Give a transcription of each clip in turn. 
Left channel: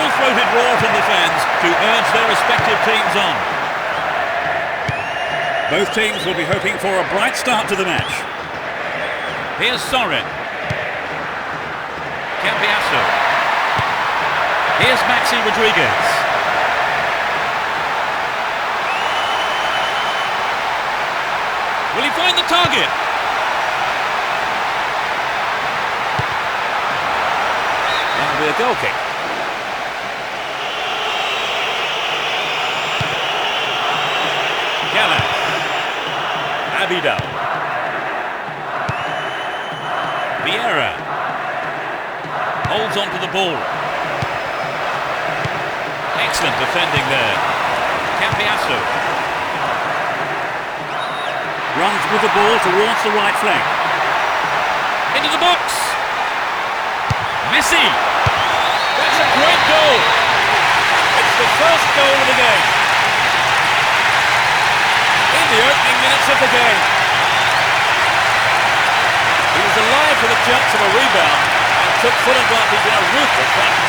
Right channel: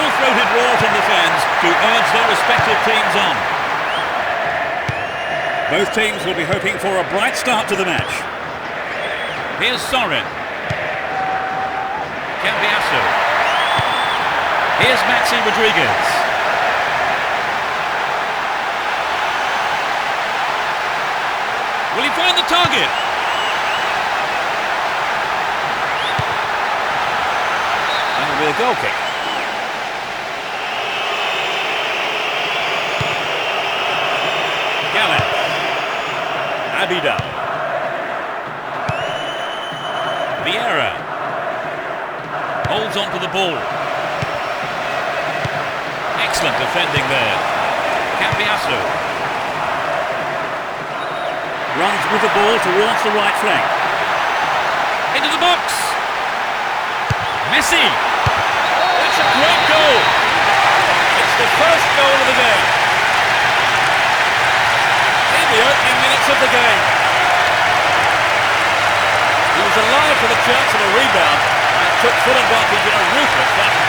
full-throated roar from the fans to urge their respective teams on. Both teams will be hoping for a bright start to the match. Here's Sorin. Cambiasso. Here's Maxi Rodriguez. Will he find the target? That'll be a goal kick. Gallas. Abidal. Vieira. Holds on to the ball. Excellent defending there. Cambiasso. Runs with the ball towards the right flank. Into the box. Messi. That's a great goal. It's the first goal of the game. In the opening minutes of the game. He was alive for the chance of a rebound and took full advantage in a ruthless fashion.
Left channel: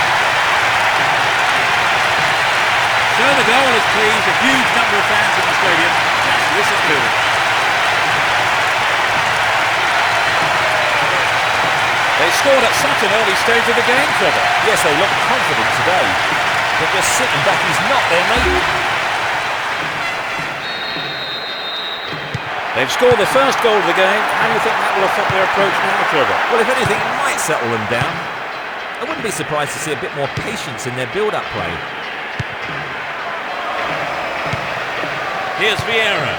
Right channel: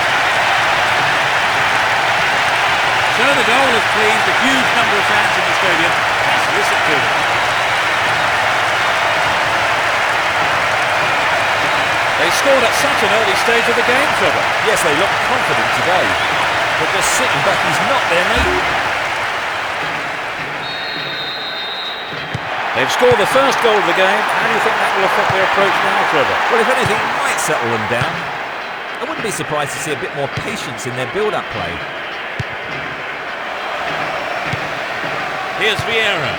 So the goal has pleased a huge number of fans in the stadium. Just listen to them. They scored at such an early stage of the game, Trevor. Yes, they look confident today, but just sitting back is not their nature. They've scored the first goal of the game. How do you think that will affect their approach now, Trevor? Well, if anything, it might settle them down. I wouldn't be surprised to see a bit more patience in their build-up play. Here's Vieira.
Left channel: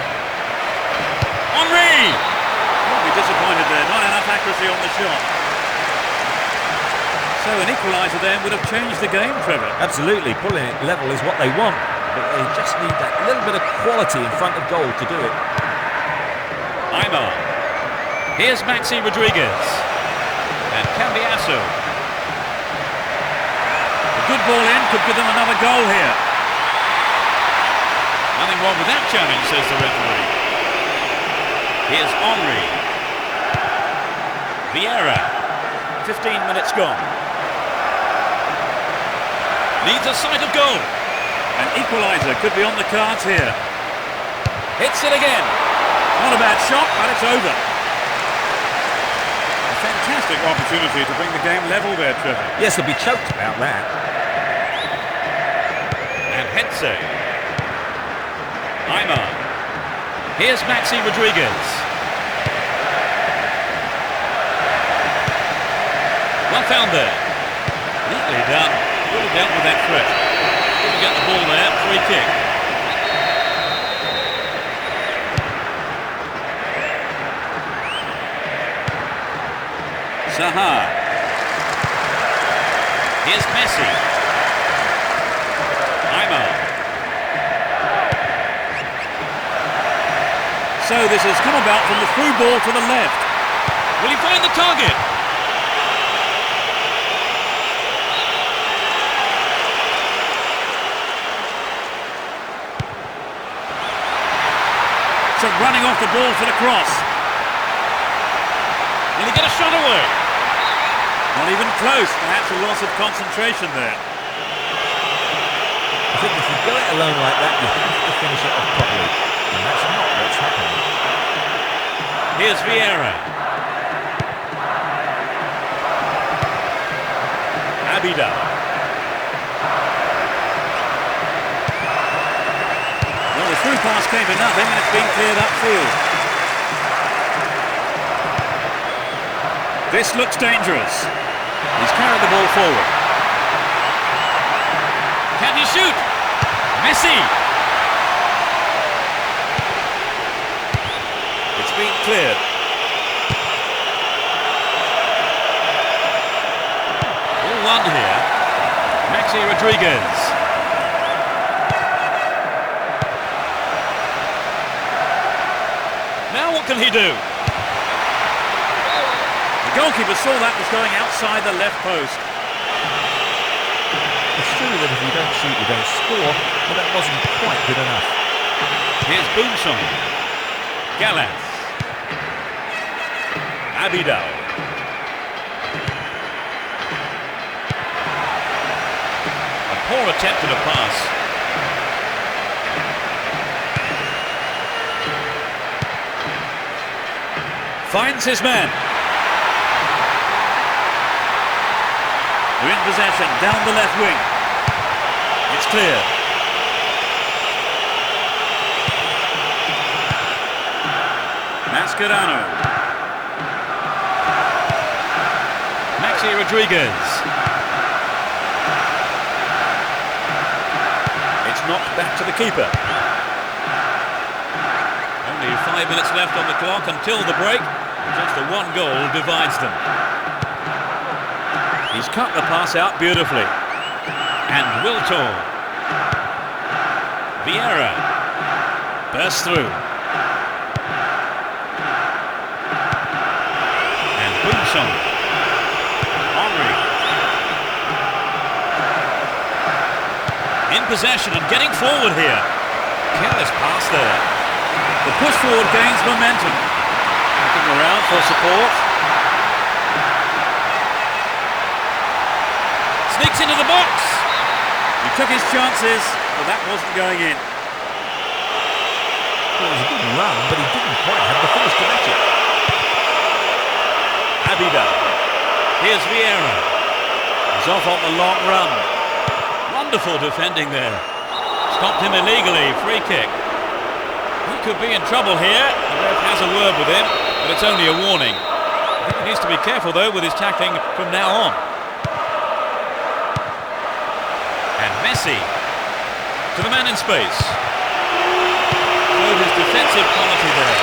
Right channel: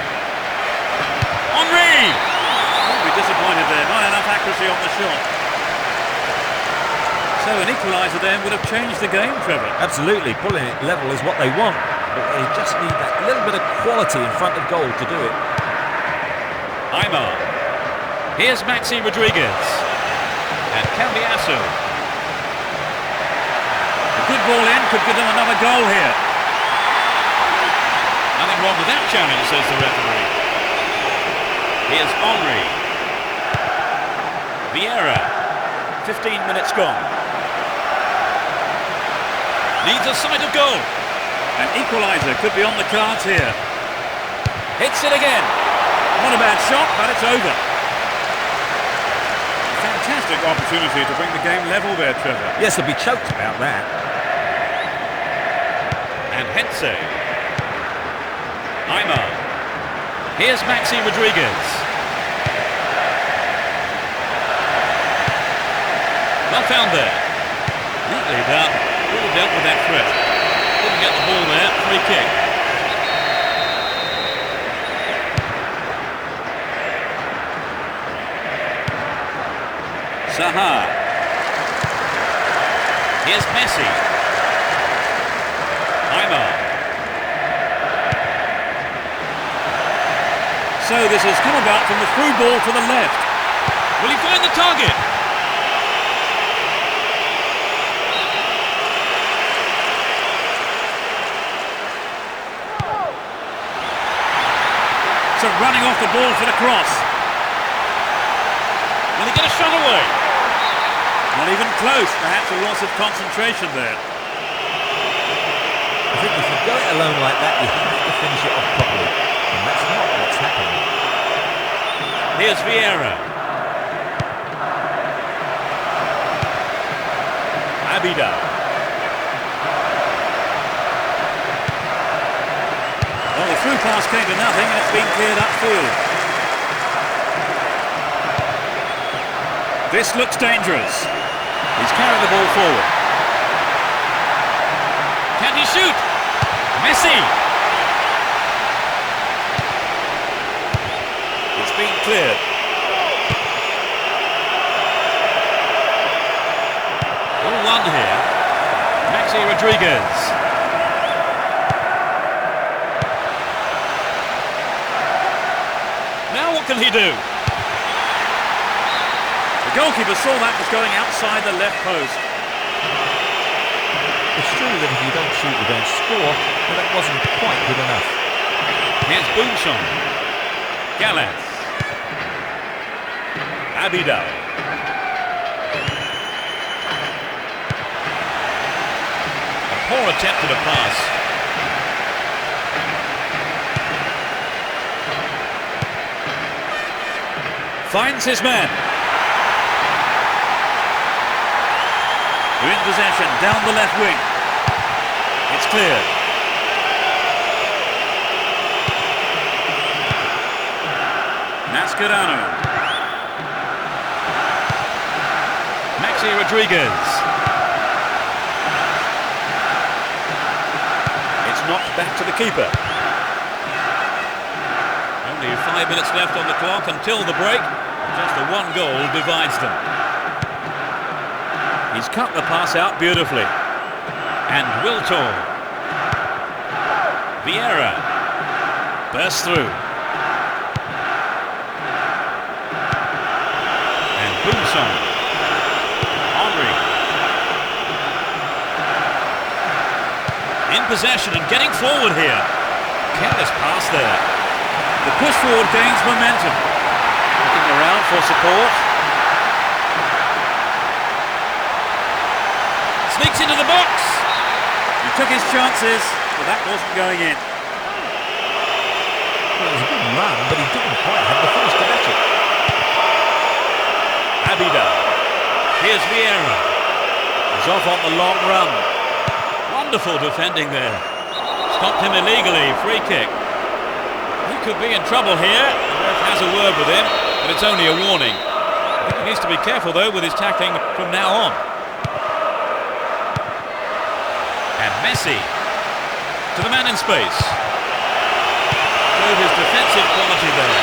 Henry! Won't be disappointed there. Not enough accuracy on the shot. So an equalizer then would have changed the game, Trevor. Absolutely. Pulling it level is what they want, but they just need that little bit of quality in front of goal to do it. Aymar. Here's Maxi Rodriguez. And Cambiasso. A good ball in could give them another goal here. Nothing wrong with that challenge, says the referee. Here's Henry. Vieira. 15 minutes gone. Needs a sight of goal. An equaliser could be on the cards here. Hits it again. Not a bad shot, but it's over. A fantastic opportunity to bring the game level there, Trevor. Yes, they'll be choked about that. And Hetze. Aymar. Here's Maxi Rodriguez. Well found there. Neatly done. Really dealt with that threat. Didn't get the ball there. Free kick. Zaha. Here's Messi. Aymar. So this has come about from the through ball to the left. Will he find the target? So running off the ball for the cross. Will he get a shot away? Not even close, perhaps a loss of concentration there. I think if you go it alone like that, you have to finish it off properly. And that's not what's happening. Here's Vieira. Abidal. Well, the through pass came to nothing and it's been cleared upfield. This looks dangerous. He's carried the ball forward. Can he shoot? Messi! It's been cleared. All one here. Maxi Rodriguez. Now what can he do? The goalkeeper saw that was going outside the left post. It's true that if you don't shoot, you don't score, but that wasn't quite good enough. Here's Boomsong. Gallas. Abidal. Poor attempt at a pass. Finds his man. They're in possession, down the left wing. It's clear. Mascherano. Maxi Rodriguez. It's knocked back to the keeper. Only 5 minutes left on the clock until the break. Just a one goal divides them. He's cut the pass out beautifully. And Wiltor. Vieira. Bursts through. And Boomsong. Henry. In possession and getting forward here. Careless pass there. The push forward gains momentum. Looking around for support. Sneaks into the box. He took his chances, but that wasn't going in. Well, it was a good run, but he didn't quite have the finish to match it. Abida. Here's Vieira. He's off on the long run. Wonderful defending there. Stopped him illegally. Free kick. He could be in trouble here. The ref has a word with him, but it's only a warning. I think he needs to be careful, though, with his tackling from now on. And Messi to the man in space. Showed his defensive quality there.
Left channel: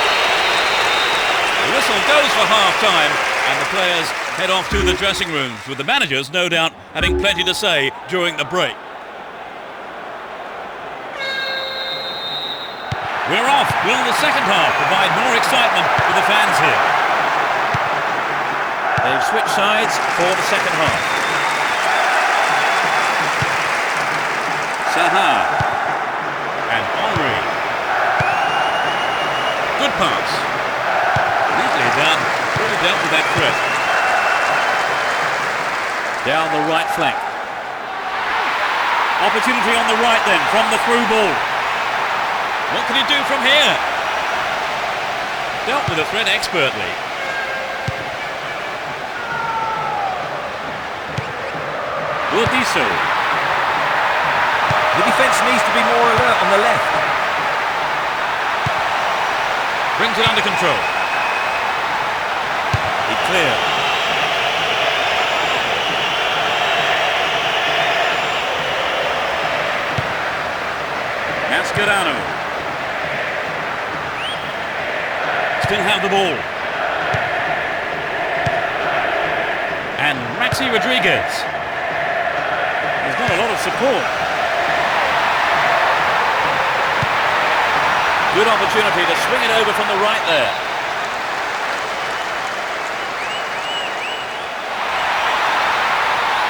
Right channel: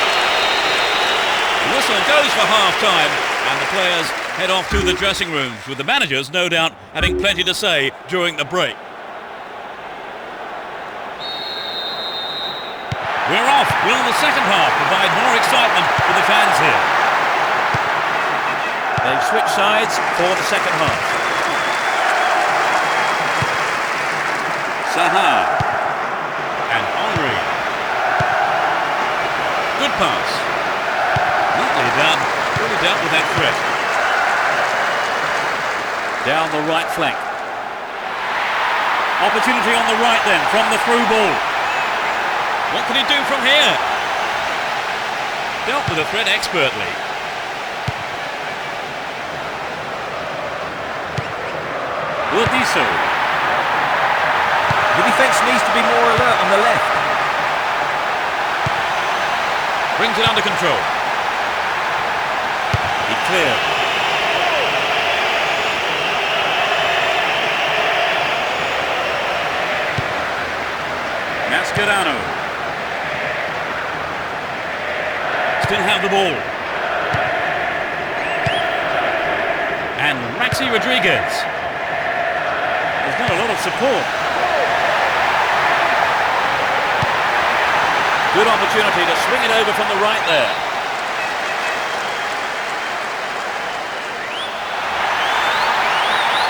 The whistle goes for half-time, and the players head off to the dressing rooms, with the managers, no doubt, having plenty to say during the break. We're off. Will the second half provide more excitement for the fans here? They've switched sides for the second half. Saha and Henry. Good pass. Neatly done. Really dealt with that threat. Down the right flank. Opportunity on the right then from the through ball. What can he do from here? Dealt with the threat expertly. Urdiso. The defence needs to be more alert on the left. Brings it under control. He cleared. Mascherano. Still have the ball. And Maxi Rodriguez. He's got a lot of support. Good opportunity to swing it over from the right there.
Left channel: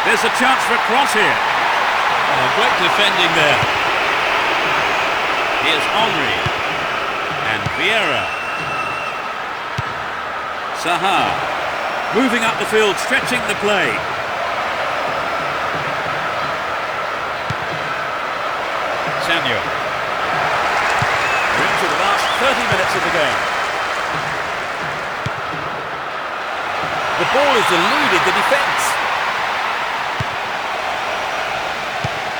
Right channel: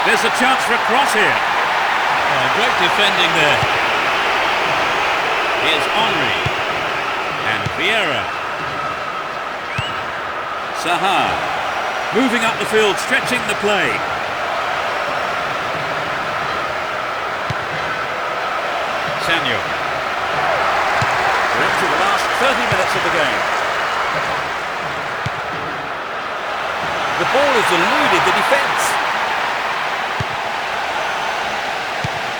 There's a chance for a cross here. Oh, great defending there. Here's Henry. And Vieira. Saha. Moving up the field, stretching the play. Sanyo. We're into the last 30 minutes of the game. The ball has eluded the defence.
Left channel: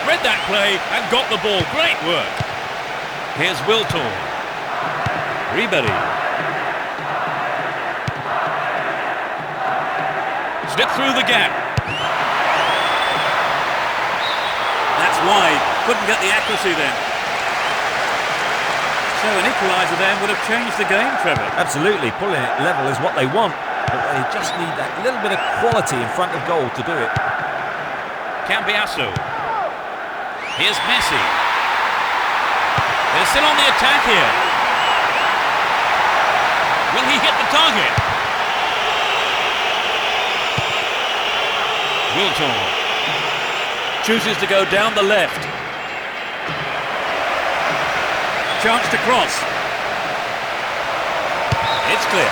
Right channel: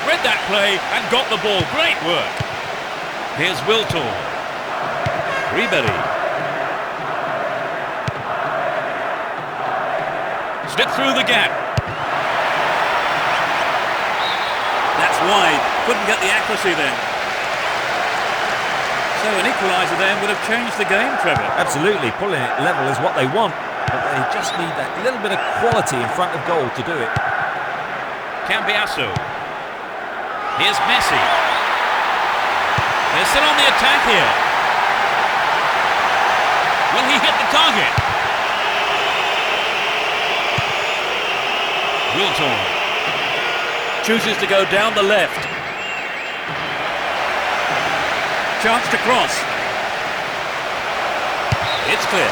Read that play and got the ball. Great work. Here's Wiltor. Ribery. Slipped through the gap. That's wide. Couldn't get the accuracy then. So an equalizer then would have changed the game, Trevor. Absolutely. Pulling it level is what they want, but they just need that little bit of quality in front of goal to do it. Cambiasso. Here's Messi. They're still on the attack here. Will he hit the target? Wiltor chooses to go down the left. Chance to cross. It's clear.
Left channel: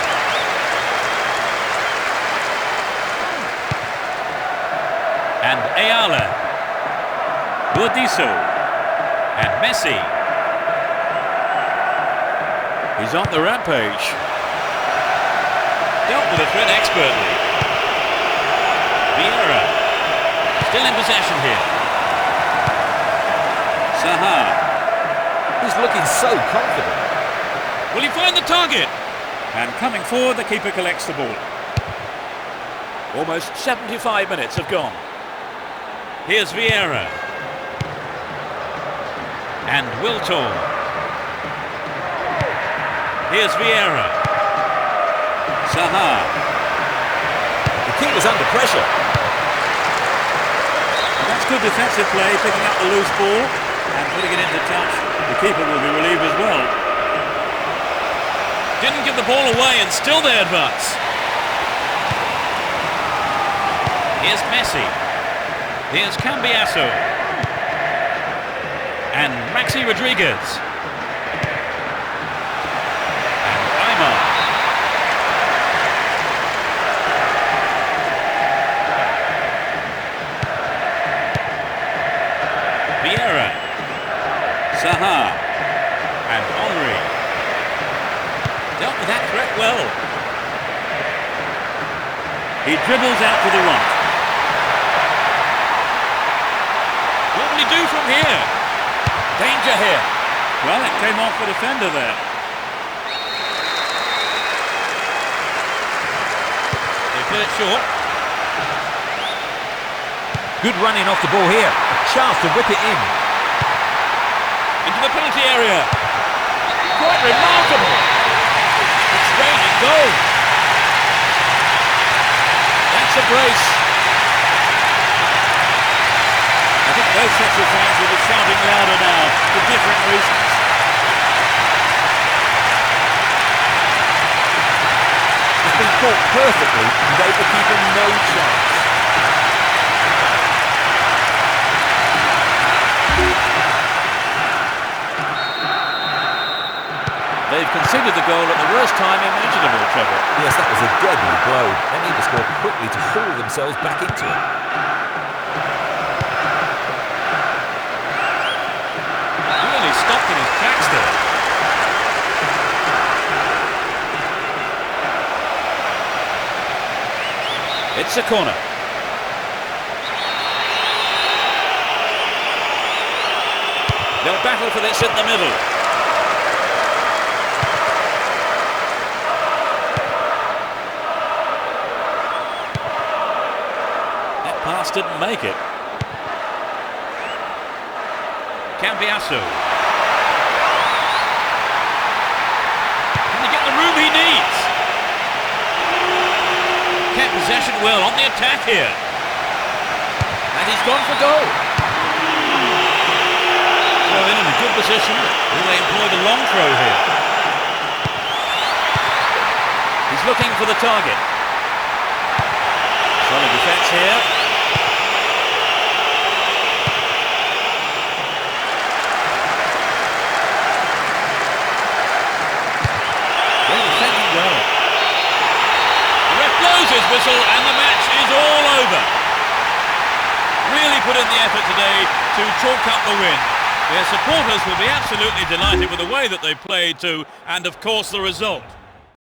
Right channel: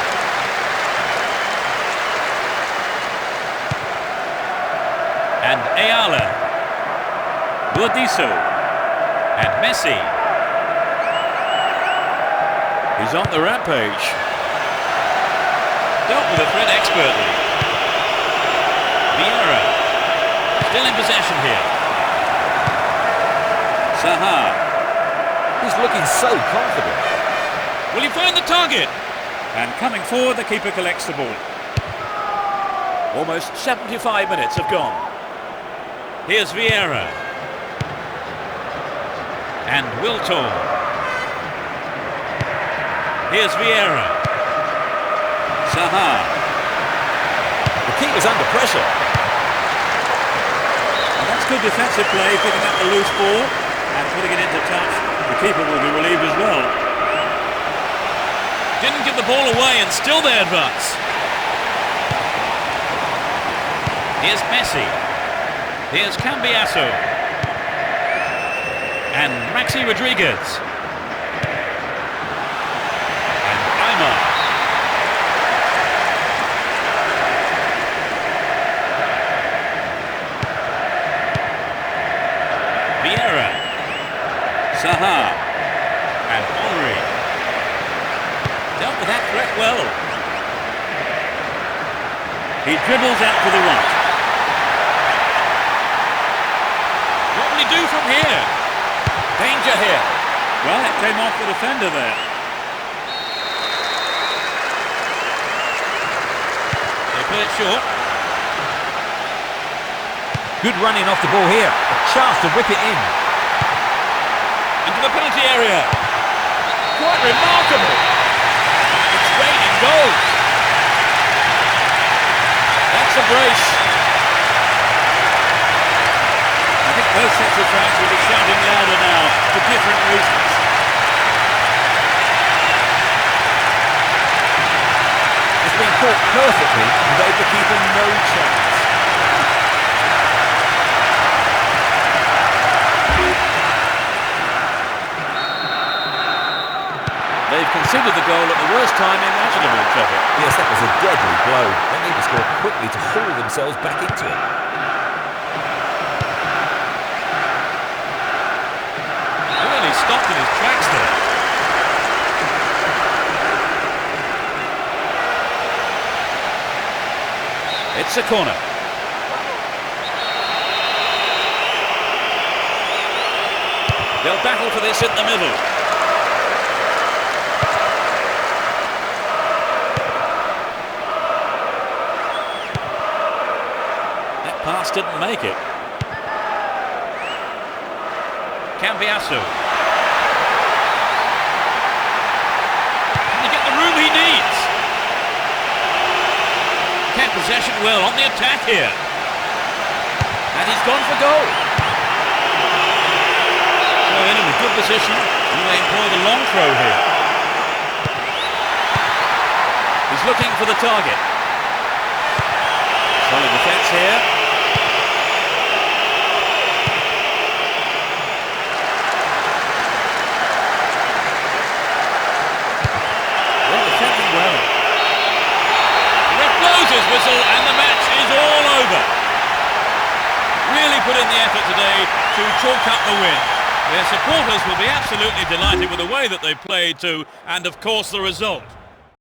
And Ayala. Burdisso. And Messi. He's on the rampage. Dealt with the threat expertly. Vieira. Still in possession here. Saha. He's looking so confident. Will he find the target? And coming forward, the keeper collects the ball. Almost 75 minutes have gone. Here's Vieira. And Wiltor. Here's Vieira. Saha. The keeper's under pressure. And that's good defensive play, picking up the loose ball and putting it into touch. The keeper will be relieved as well. Didn't give the ball away and still they advance. Here's Messi. Here's Cambiasso. And Maxi Rodriguez. And Aymar. Vieira. Saha. And Henry. Dealt with that threat well. He dribbles out to the right. What will he do from here? Danger here. Well, it came off the defender there. They play it short. Good running off the ball here. A chance to whip it in. Into the penalty area. Quite remarkable. It's raining goals. That's a brace. I think both sets of fans will be shouting louder now for different reasons. It's been caught perfectly and gave the keeper no chance. They've conceded the goal at the worst time imaginable, Trevor. Yes, that was a deadly blow. They need to score quickly to haul themselves back into it. Really stopped in his tracks there. It's a corner. They'll battle for this in the middle. That pass didn't make it. Cambiasso. Can he get the room he needs? Kept possession well on the attack here. And he's gone for goal. So in a good position. Will they employ the long throw here? He's looking for the target. Solid defence here. They're defending well. The ref blows his whistle and the match is all over. Really put in the effort today to chalk up the win. Their supporters will be absolutely delighted with the way that they played too, and of course the result.